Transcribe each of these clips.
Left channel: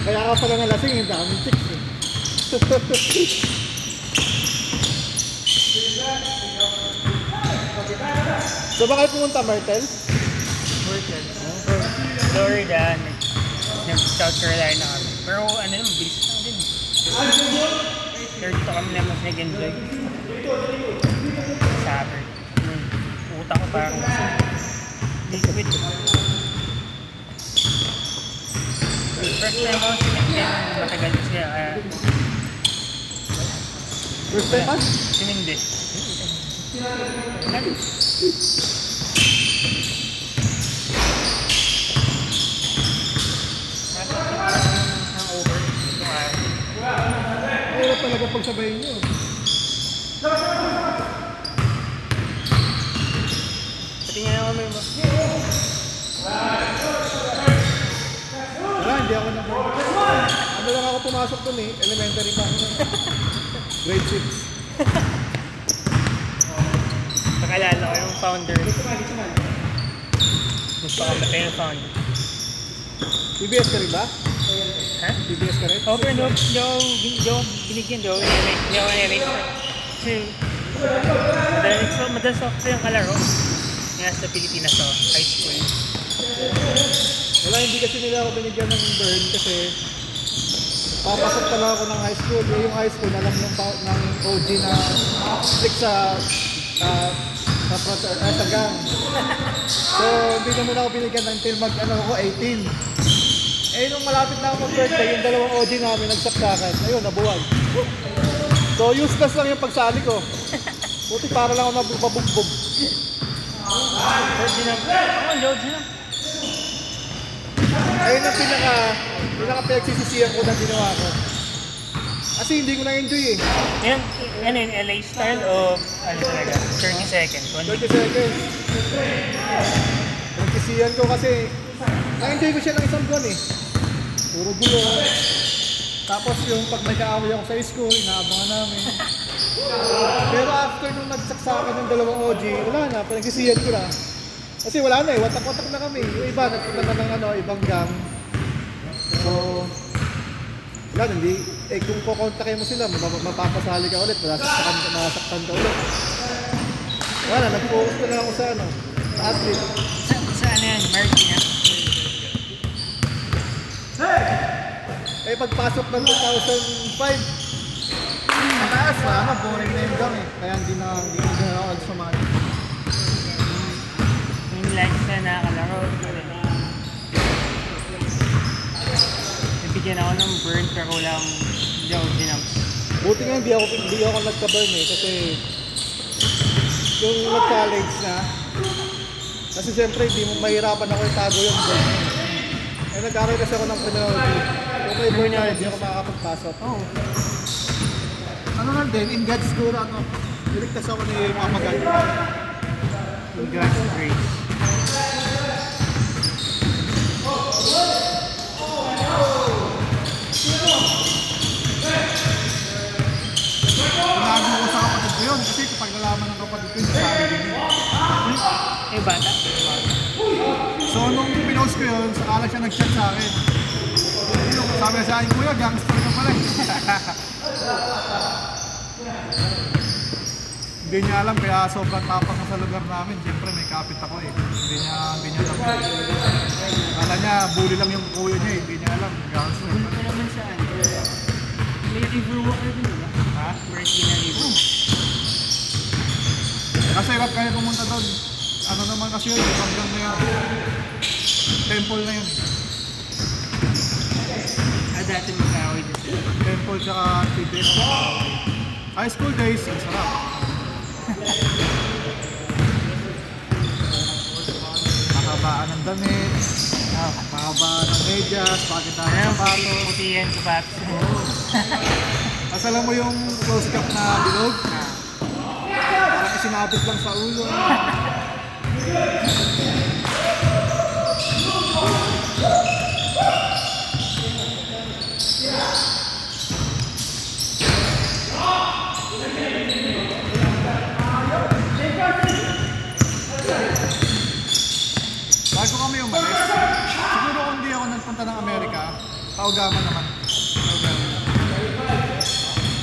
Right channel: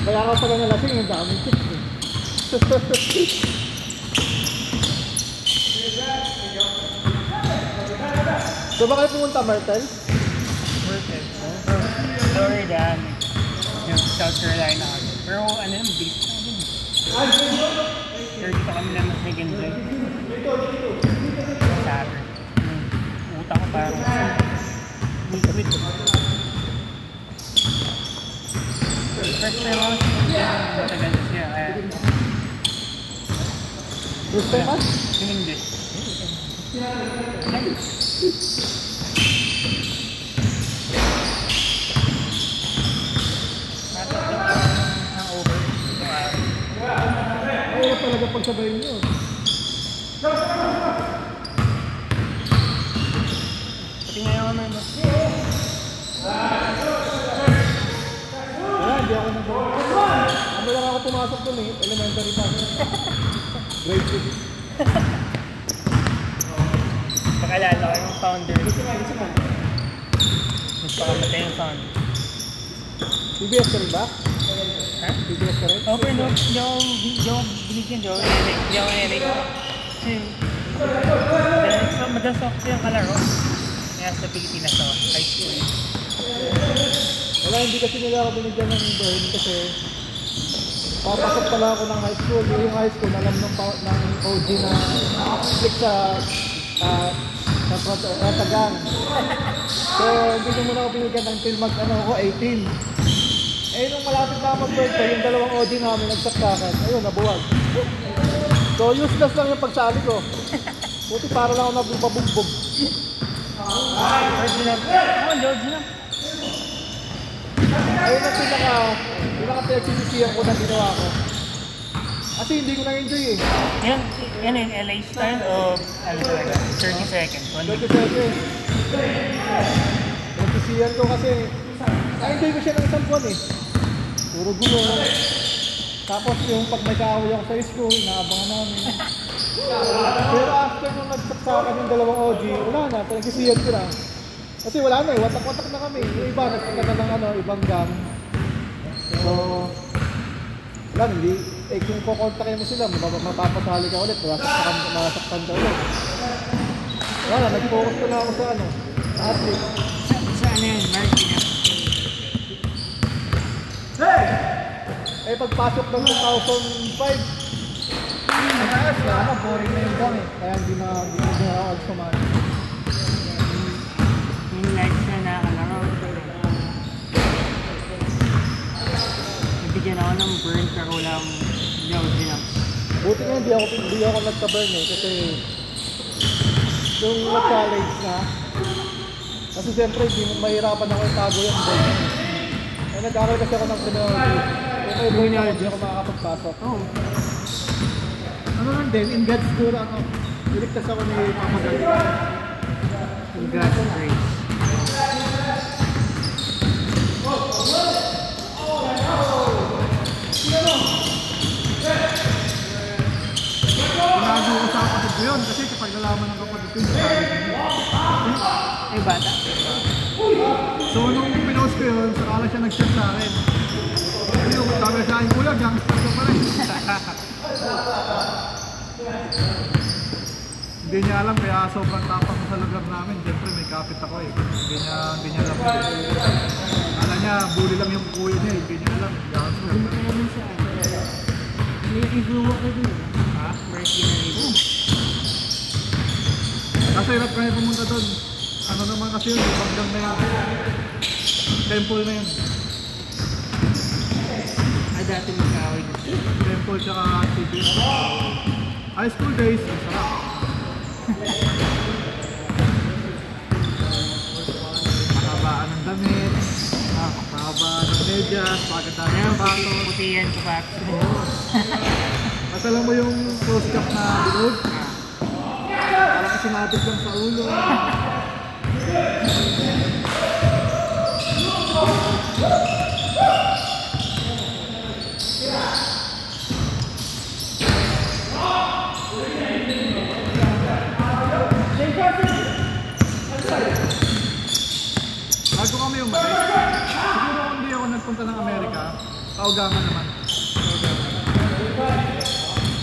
Kaya ako pala nga lasing, hindi ako chicks eh. So bakit pumunta, Martel? Martel? Florida, South Carolina. Pero ano yung bilis na din. Pero dito kami na mas nag-enjoy. Sabi. Utak ko parang liquid. First time ako sinagyan ng events niya. First time man? Hindi. Matapos ang over. Ano talaga pagsabayin nyo? Pati nga naman mo. Wala, hindi ako nang ano lang ako pumasok dun eh, elementary pa. Grade 6. Nakalala ko yung founder. Magpakamatay yung founder. PBS ka rin ba? Ha? PBS ka rin? Oo, pero no, binigyan daw. Hindi ako nirate. Kasi, madalas ako silang kalaro. Nga sa Pilipinas ako, high school. Wala, hindi kasi nila ako binigyan ng burn kasi papasok pala ako ng high school. Yung high school, alam ng OG na click sa gang. So, hindi na muna ako binigyan until ako 18. Eh, nung malapit na ako mag-birthday, yung dalawang OG na kami nagsaksakan. Ayun, nabuwag. So, useless lang yung pagsali ko. Buti para lang ako magbubugbog. George na. Oo, George na. Ayun ang pinaka-pinagsisisiyan ko na ginawa ko. Kasi hindi ko na-enjoy eh. Yan yung LA style o ano talaga? 30 seconds. 30 seconds. Pinagsisiyan ko kasi na-enjoy ko siya ng isang buwan eh. Puro gulo. Tapos yung pag may kaaway ako sa school, inaabangan namin. Pero after nung nagsaksakan yung dalawang OG, wala na, pinagsisiyan ko lang. Kasi wala na eh, watak-watak na kami. Yung iba, nagkita ng ibang gang. So, yan, hindi. Eh, kung kukontakin mo sila, mapapasali ka ulit, masaktan ka ulit. Wala, nag-focus ko na ako sa athlete. Sa ano yan, Marky na? Eh, pagpasok ng 2005, mataas na, boring na yung gang eh. Kaya hindi na ako sumali. Yung lunch na nakakalaro. Nabigyan ako ng burn pero wala akong hindi ako. Buti nga hindi ako nagka-burn eh kasi yung challenge na kasi siyempre mahirapan ako yung tago yung burn. Eh nagkaroon kasi ako ng penalty. Kung may burn ako, hindi ako makakapagpasok. Oo. Ano nga din, in God's school ako. Niligtas ako ni Kamagal. In God's grace. Nag-uusap ko yun kasi kapag nalaman ko pa dito yung sabi din. Ay, bata? So nung pinost ko yun, sakala siya nag-chat sa akin. Sabi sa akin, kuya, gangster ka pa rin. Hindi niya alam, kaya sobrang tapang sa lugar namin. Siyempre may kapit ako eh. Hindi niya alam. Kala niya, bully lang yung kuya niya eh. Hindi niya alam, gangster. Hindi mo naman saan. May review ako din ba? Ha? May review. kayo pumunta doon. Ano naman kasi yun, hanggang na yun. Temple na yun. Ay, dati mo sa away doon. Temple tsaka Tibet. High school days, ang sarap. Nakabaan ng damit, nakabaan ng medyas, pagandahan sa palo. Puti yan sa pato. Tapos alam mo yung close cup na bilog? Parang sinabit lang sa ulo. Bago kami umalis, siguro kung di ako nagpunta ng Amerika, paugaman naman.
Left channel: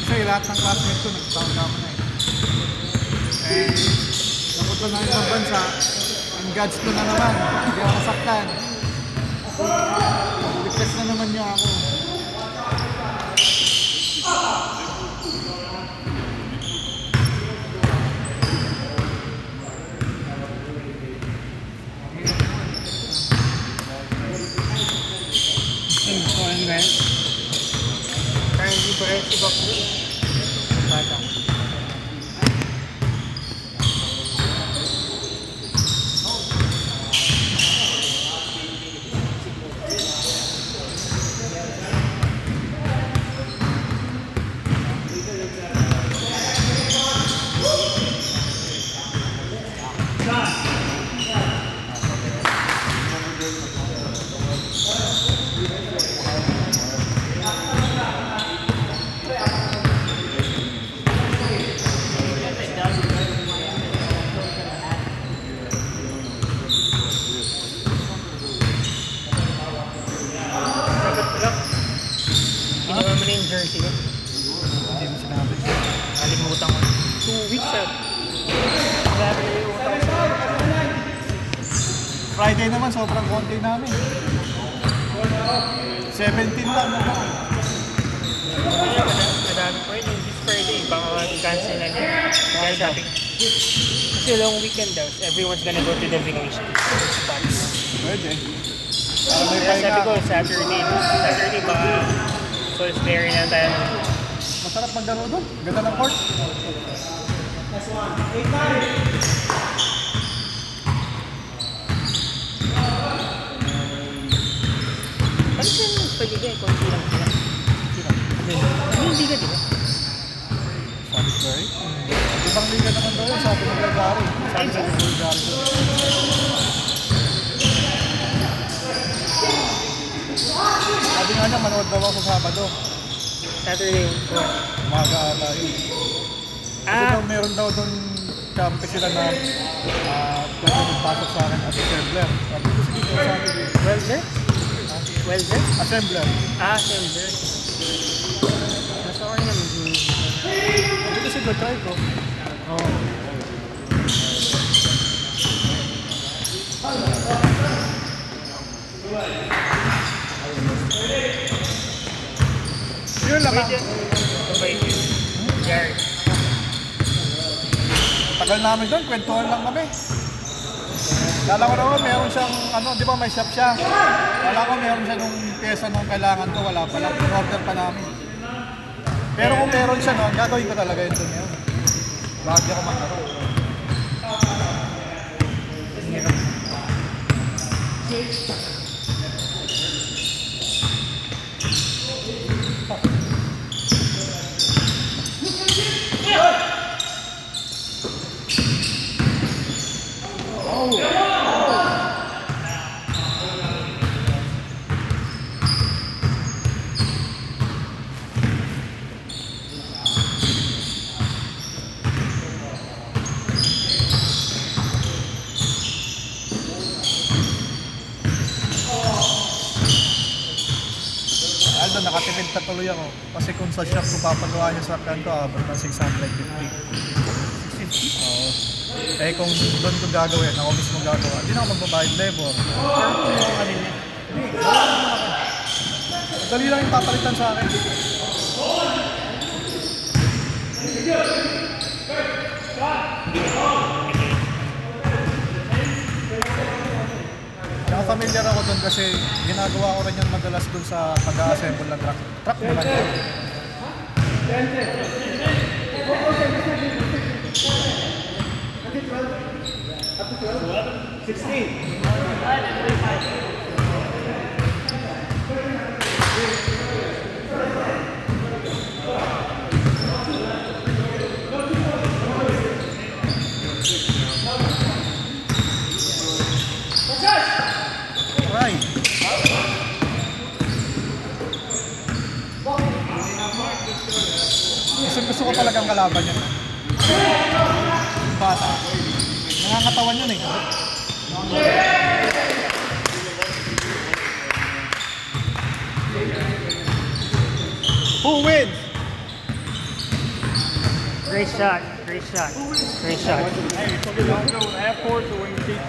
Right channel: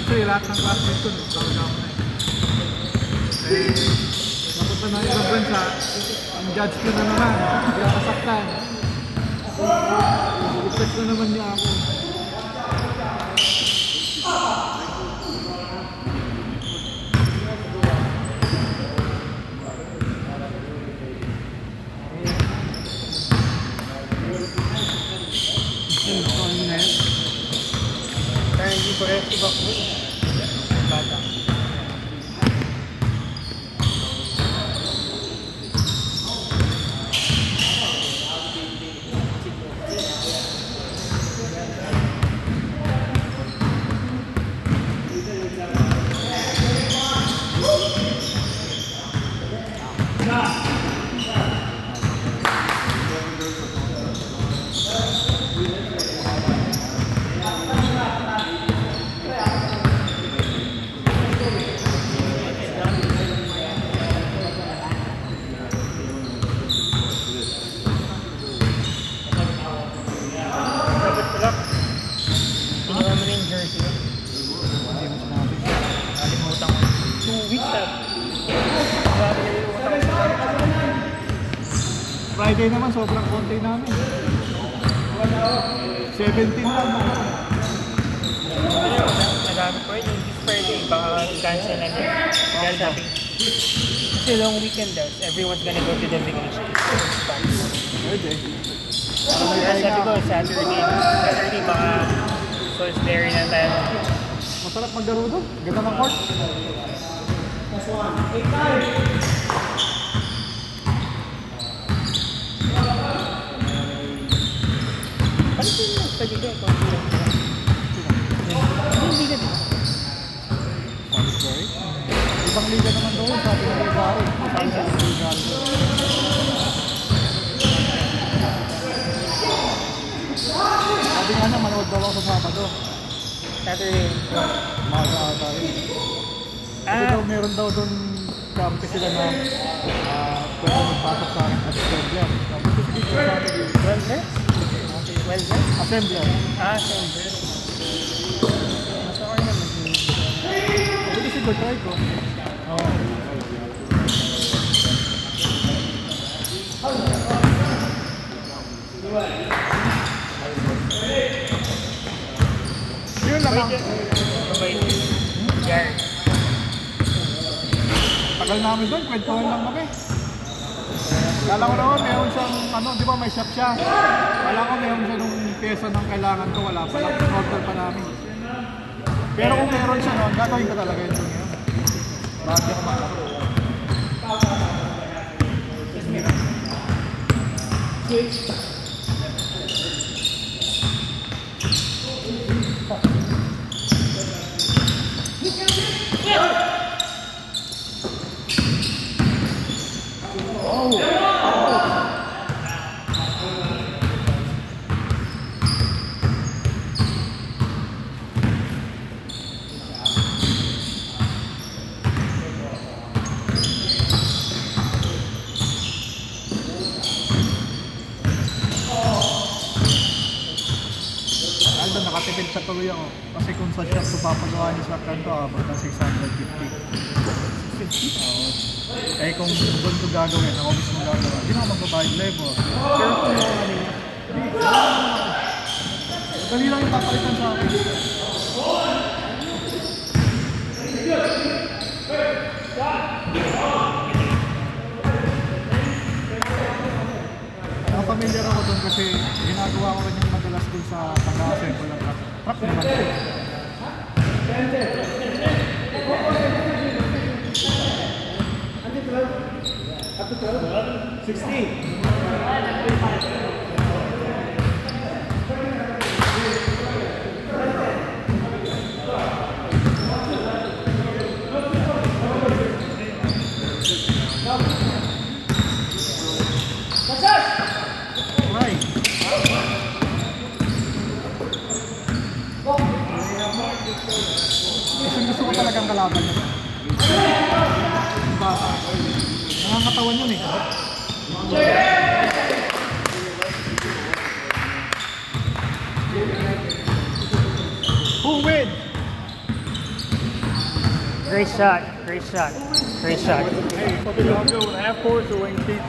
Kasi lahat ng classmates ko nagpaugaman na eh. Nagpunta na yung bansa, ang God's ko na naman, hindi ako nasaktan. Request na naman niya ako. Kaya hindi ko rin si Bakbo. Bata. Dapat pala, ginawa mo na yung jersey ko. Hindi mo sinabi. Kalimutan ko. 2 weeks up. Grabe nalimutan ko sa Friday naman, sobrang konti namin. 17 lang. Kaya madami po yun. This Friday, baka cancel na din. Kaya sabi ko. Kasi long weekend daw, everyone's gonna go to the vacation spots. Pwede. Kaya sabi ko, Saturday baka Salisbury na tayo. Masarap magdalo doon. Ganda ng court. Paano siya yung paligay kung hindi lang sila? Hindi ka di ba? Salisbury. Ibang liga naman doon yun. Sabi ng Bulgari. Sabi nga niya, manood daw ako sa Sabado. Saturday. Umaga ata yun. Kasi daw meron daw doon kampi sila na pwede magpasok sa akin at assembler. Sabi ko sige ko sabi ko. Welder? Welder? Assembler. Welder. Nasa ko niya mag-use. Sabi ko sige, try ko. Oo. Yun lang. Mabait yun. Jared. Tagal namin doon, kwentuhan lang kami. Kala ko naman meron siyang, di ba may shop siya? Kala ko meron siya nung pyesa nung kailangan to, wala pa lang, order pa namin. Pero kung meron siya, ang gagawin ko talaga yun doon. Bakit ako makakaroon? Nakatipid ka tuloy ako. Kasi kung sa shop ko papagawa niya sa kanto, abot ng 650. Eh kung doon ko gagawin, ako mismo gagawa, hindi na ako magbabayad level. Pero kung mga kanina, dali lang yung papalitan sa akin. familiar ako doon kasi ginagawa ko rin yung madalas doon sa pag-assemble na truck. Truck naman yun. Up to 12? 16. Right. Gusto ko talagang kalaban yun. Bata. Nangangatawan yun eh. Who wins? Great shot. Great shot. Great shot. Hey, fucking go with half court or wing keep.